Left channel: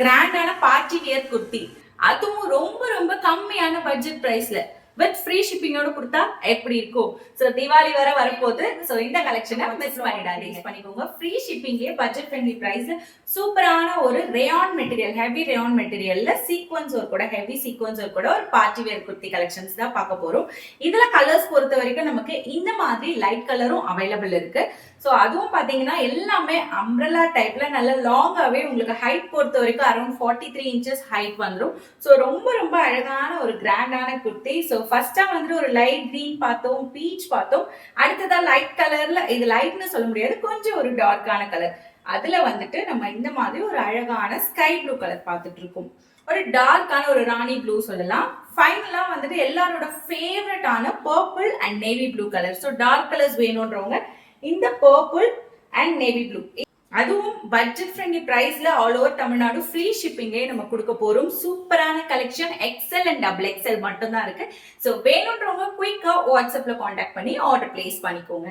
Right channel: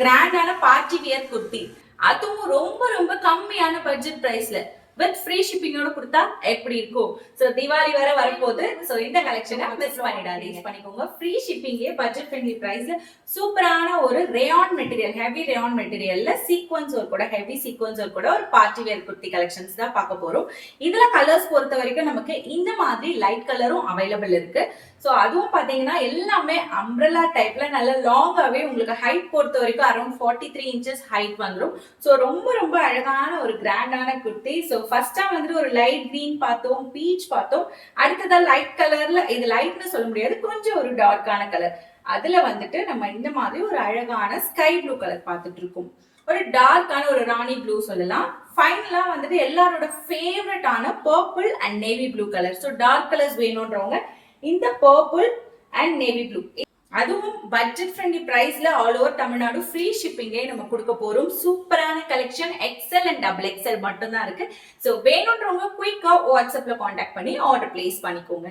கிராண்டான party wear kurti, அதுவும் ரொம்ப ரொம்ப கம்மியான பட்ஜெட் பிரைஸ்ல வித் ஃப்ரீ ஷிப்பிங்கோட கொடுத்தா எப்படி இருக்கும்? சோ தீபாவளி வர வரப்போகுது. சோ இந்த கலெக்ஷனை மிஸ் பண்ணிடாதீங்க. பண்ணிக்கோங்க. ஃப்ரீ ஷிப்பிங்கே பட்ஜெட் ஃப்ரெண்ட்லி பிரைஸ்ல சூப்பரான ஒரு ரேயான் மெட்டீரியல், ஹெவி ரேயான் மெட்டீரியல்ல சீக்வன்ஸ் ஒர்க் கூட, ஹெவி சீக்வன்ஸ் ஒர்க் கூட ஒரு பார்ட்டி வேர் குர்த்தி கலெக்ஷன்ஸ் தான் பார்க்க போறோம். இதுல கலர்ஸ் பொறுத்த வரைக்கும் நமக்கு இந்த மாதிரி லைட் கலரும் அவைலபிள் இருக்கு. ஸோ அதுவும் பார்த்தீங்கன்னா எல்லாமே அம்ப்ரெல்லா டைப்ல நல்ல லாங்காகவே உங்களுக்கு ஹைட் பொறுத்த வரைக்கும் அரௌண்ட் 43 இன்ச்சஸ் ஹைட் வந்துடும். ஸோ ரொம்ப ரொம்ப அழகான ஒரு கிராண்டான குர்த்தி. ஸோ ஃபர்ஸ்டா வந்துட்டு ஒரு லைட் கிரீன் பார்த்தோம், பீச் பார்த்தோம். அடுத்ததா லைட் கலர்ல, இது லைட்னு சொல்ல முடியாது, கொஞ்சம் ஒரு டார்க்கான கலர். அதுல வந்துட்டு நம்ம இந்த மாதிரி ஒரு அழகான ஸ்கை ப்ளூ கலர் பார்த்துட்டு இருக்கோம். ஒரு டார்க்கான ஒரு ராணி ப்ளூ சொல்லலாம். ஃபைனலா வந்துட்டு எல்லாரோட ஃபேவரட்டான purple and navy blue colour. So dark colours வேணும்ன்றவங்க இந்த பர்பிள் அண்ட் நேவி ப்ளூ, அதுவும் பட்ஜெட் ஃப்ரெண்ட்லி பிரைஸ்ல ஆல் ஓவர் தமிழ்நாடு ஃப்ரீ ஷிப்பிங்கே நம்ம கொடுக்க போறோம். சூப்பரான collection, XL and double XL மட்டும் தான் இருக்கு. ஸோ வேணும்ன்றவங்க குயிக்கா வாட்ஸ்அப்ல காண்டாக்ட் பண்ணி ஆர்டர் பிளேஸ் பண்ணிக்கோங்க.